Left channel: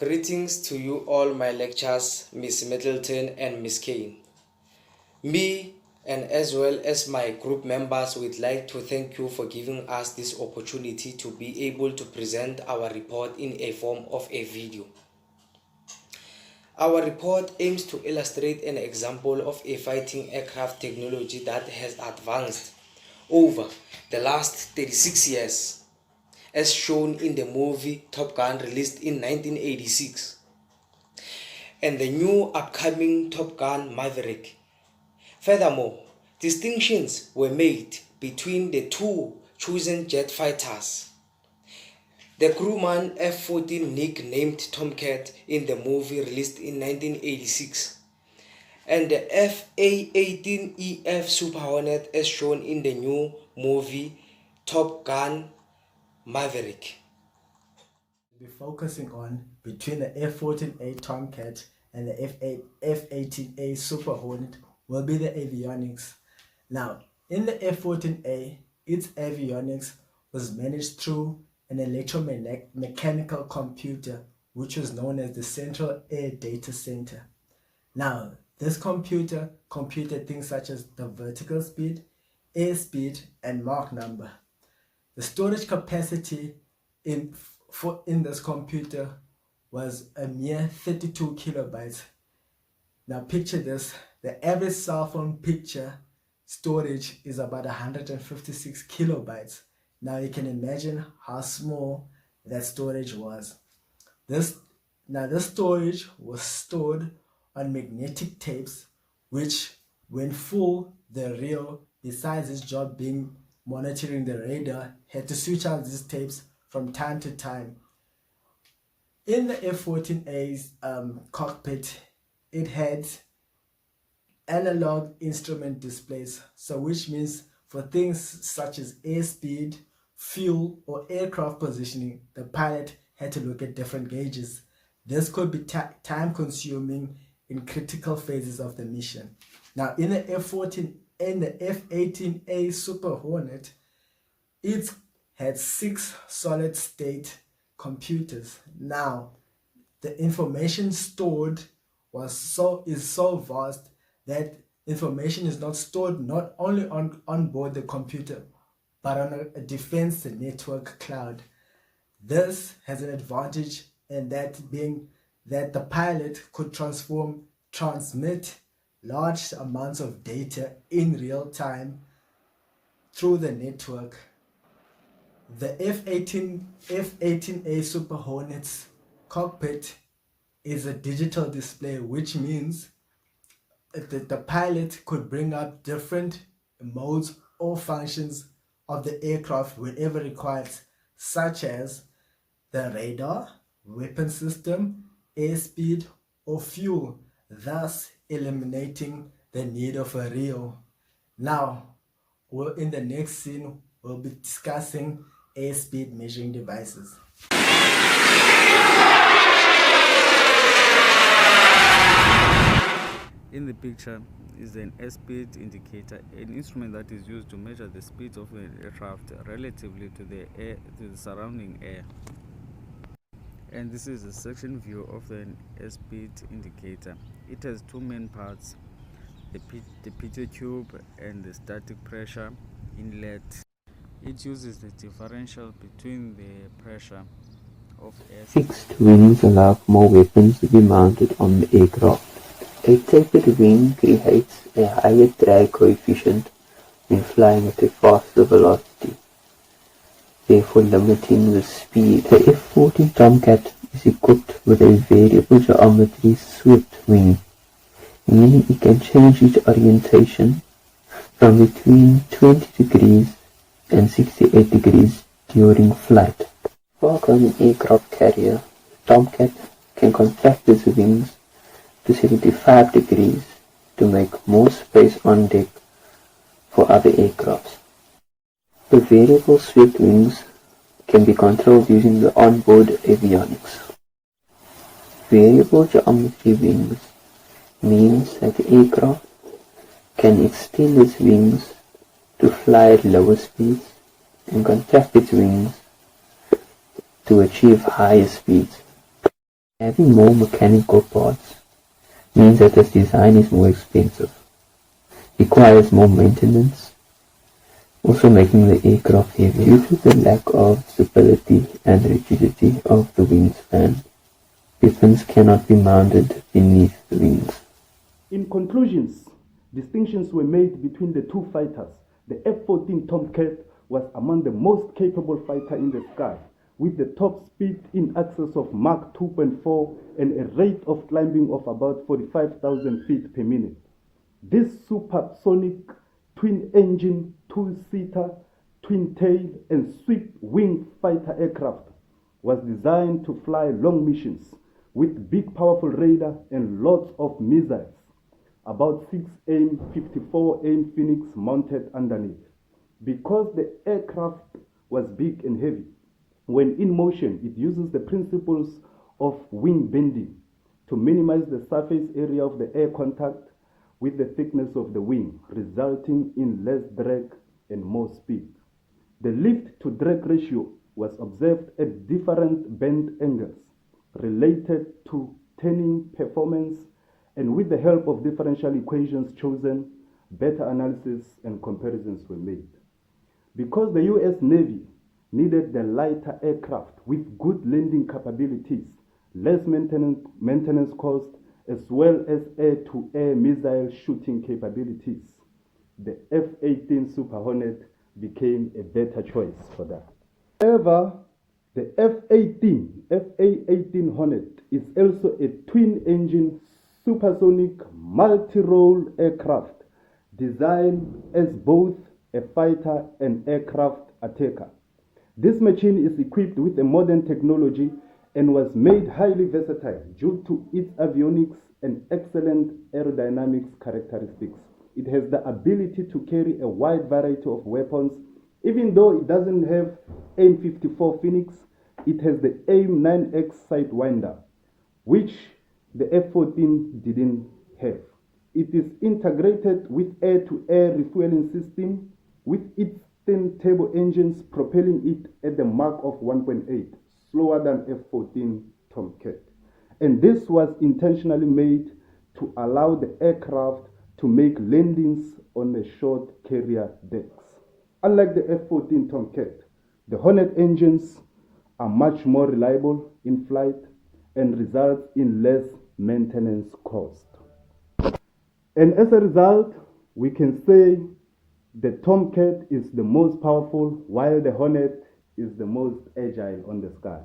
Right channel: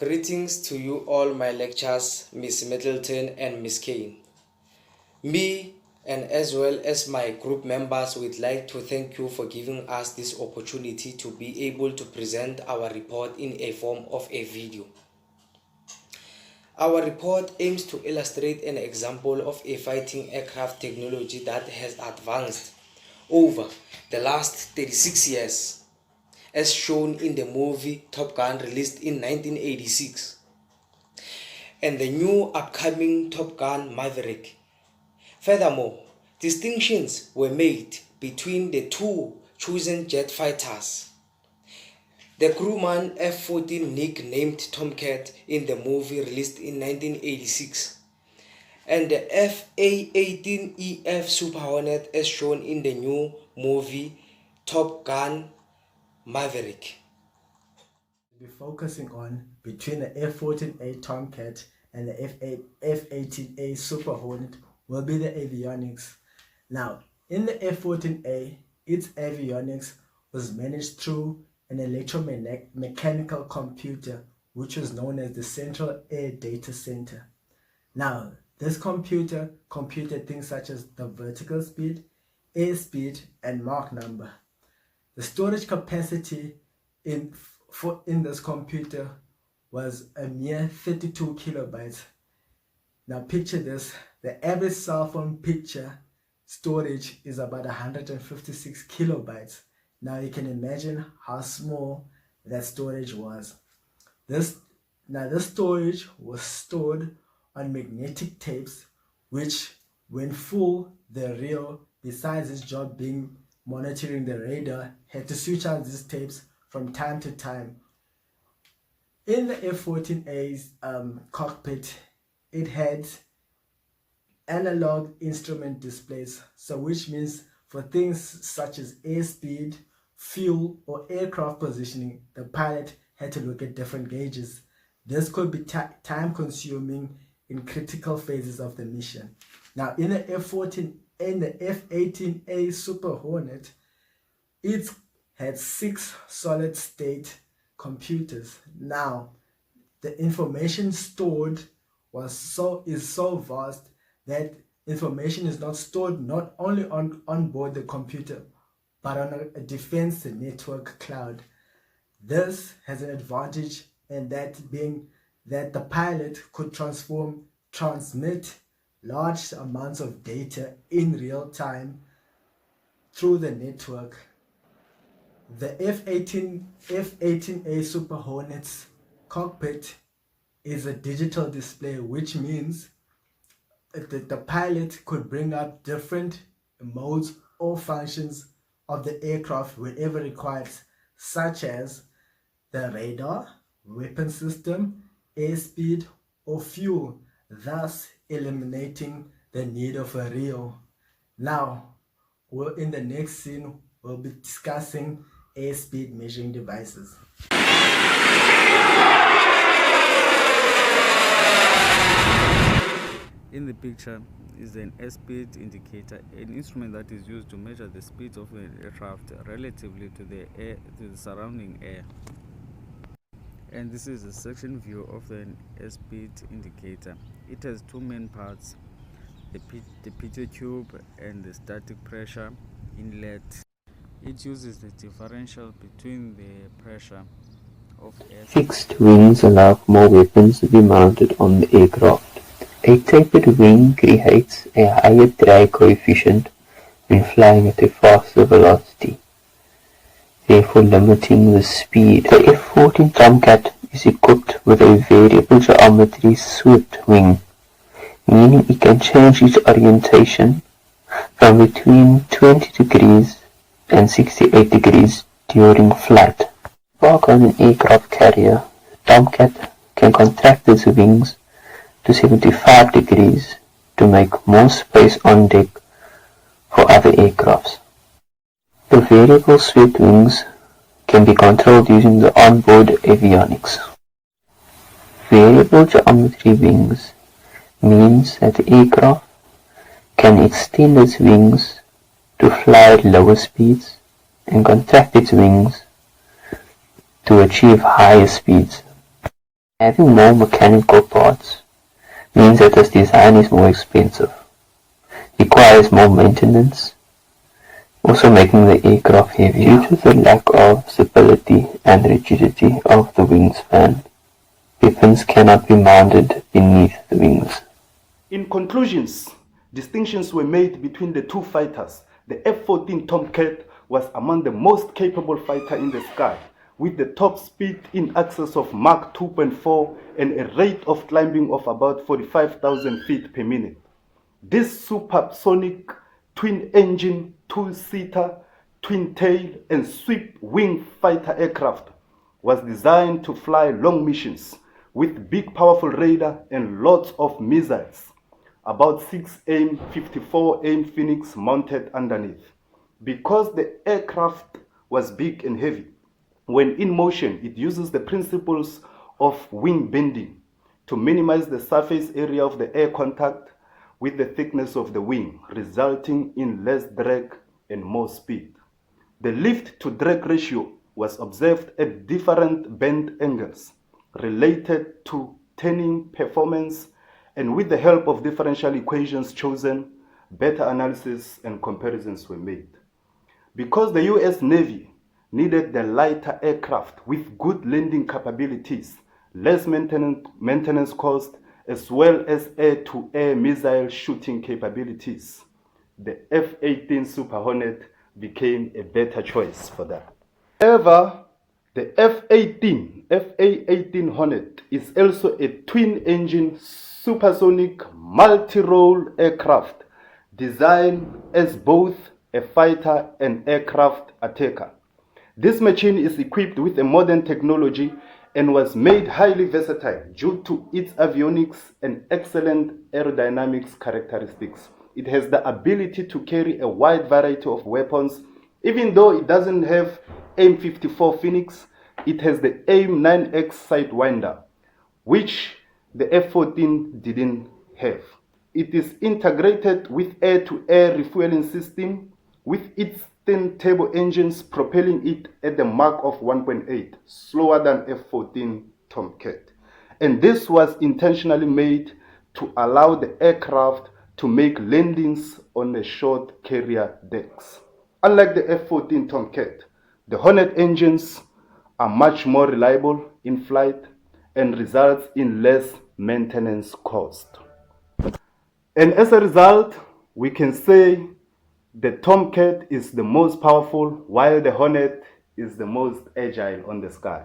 Greetings to you all my lecturers, Miss Middleton and Miss Kane. Me and as well as my group members would like to thank you for giving us this opportunity to be able to present our report in a form of a video. Our report aims to illustrate an example of a fighting aircraft technology that has advanced over the last 36 years, as shown in the movie Top Gun released in 1986, and the new upcoming Top Gun Maverick. Furthermore, distinctions were made between the two chosen jet fighters. The crewman F-14 nicknamed Tomcat in the movie released in 1986, and the F-A-18EF Super Hornet as shown in the new movie Top Gun Maverick. We'll be focusing on between the F-14A Tomcat and the F-18A Super Hornet will be the avionics. Now, in the F-14A, its avionics was managed through an electromechanical computer, which was known as the Central Air Data Center. Now, this computer computed things such as the vertical speed, airspeed, and Mach number. The storage capacity in this computer was a mere 32 kilobytes. Now picture this, the average cell phone picture storage is about 156 kilobytes. Now you can imagine how small that storage was. This storage was stored on magnetic tapes, which when full, the reel, besides its job being monitoring the radar, had to switch out these tapes from time to time. In the F-14A's cockpit, it had analog instrument displays, so which means for things such as airspeed, fuel, or aircraft positioning, the pilot had to look at different gauges. This could be time consuming in critical phases of the mission. Now in the F-14 and the F-18A Super Hornet, it had 6 solid state computers. Now the information stored is so vast that information is not stored not only on board the computer but on a defense network cloud. This has an advantage, and that being that the pilot could transmit large amounts of data in real time through the network. The F-18A Super Hornet's cockpit is a digital display, which means that the pilot could bring up different modes or functions of the aircraft whenever required, such as the radar, weapon system, airspeed, or fuel, thus eliminating the need of a reel. Now, in the next scene, we'll be discussing airspeed measuring devices. In the picture is an airspeed indicator, an instrument that is used to measure the speed of an aircraft relatively to the surrounding air. And this is a section view of an airspeed indicator. It has 2 main parts, the pitot tube and the static pressure inlet. It uses the differential between the pressure of air. Fixed wings allow more weapons to be mounted on the aircraft. A tapered wing creates a higher drag coefficient when flying at a faster velocity, therefore limiting the speed. The F-14 Tomcat is equipped with a variable geometry swept wing, meaning it can change its orientation from between 20 degrees and 68 degrees during flight. While on an aircraft carrier, the Tomcat can contract its wings to 75 degrees to make more space on deck for other aircrafts. The variable swept wings can be controlled using the onboard avionics. Variable geometry wings means that the aircraft can extend its wings to fly at lower speeds and contract its wings to achieve higher speeds. Having more mechanical parts means that this design is more expensive, requires more maintenance, also making the aircraft heavier due to the lack of stability and rigidity of the wingspan. Weapons cannot be mounted beneath the wings. In conclusions, distinctions were made between the two fighters. The F-14 Tomcat was among the most capable fighter in the sky, with the top speed in excess of Mach 2.4 and a rate of climbing of about 45,000 feet per minute. This supersonic twin-engine, two-seater, twin-tail, and sweep-wing fighter aircraft was designed to fly long missions with big powerful radar and lots of missiles, about 6 AIM 54 AIM Phoenix mounted underneath. Because the aircraft was big and heavy, when in motion it uses the principles of wing bending to minimize the surface area of the air contact with the thickness of the wing, resulting in less drag and more speed. The lift to drag ratio was observed at different bend angles related to turning performance, and with the help of differential equations chosen, better analysis and comparisons were made. Because the US Navy needed the lighter aircraft with good landing capabilities, less maintenance cost, as well as air-to-air missile shooting capabilities, the F-18 Super Hornet became a better choice for that. However, the F-18 Hornet is also a twin-engine supersonic multi-role aircraft designed as both a fighter and aircraft attacker. This machine is equipped with a modern technology and was made highly versatile due to its avionics and excellent aerodynamics characteristics. It has the ability to carry a wide variety of weapons. Even though it doesn't have AIM 54 Phoenix, it has the AIM 9X Sidewinder, which the F-14 didn't have. It is integrated with air-to-air refueling system with its thin turbo engines propelling it at the Mach of 1.8, slower than F-14 Tomcat. And this was intentionally made to allow the aircraft to make landings on the short carrier decks. Unlike the F-14 Tomcat, the Hornet engines are much more reliable in flight and results in less maintenance cost. And as a result, we can say the Tomcat is the most powerful, while the Hornet is the most agile on the sky.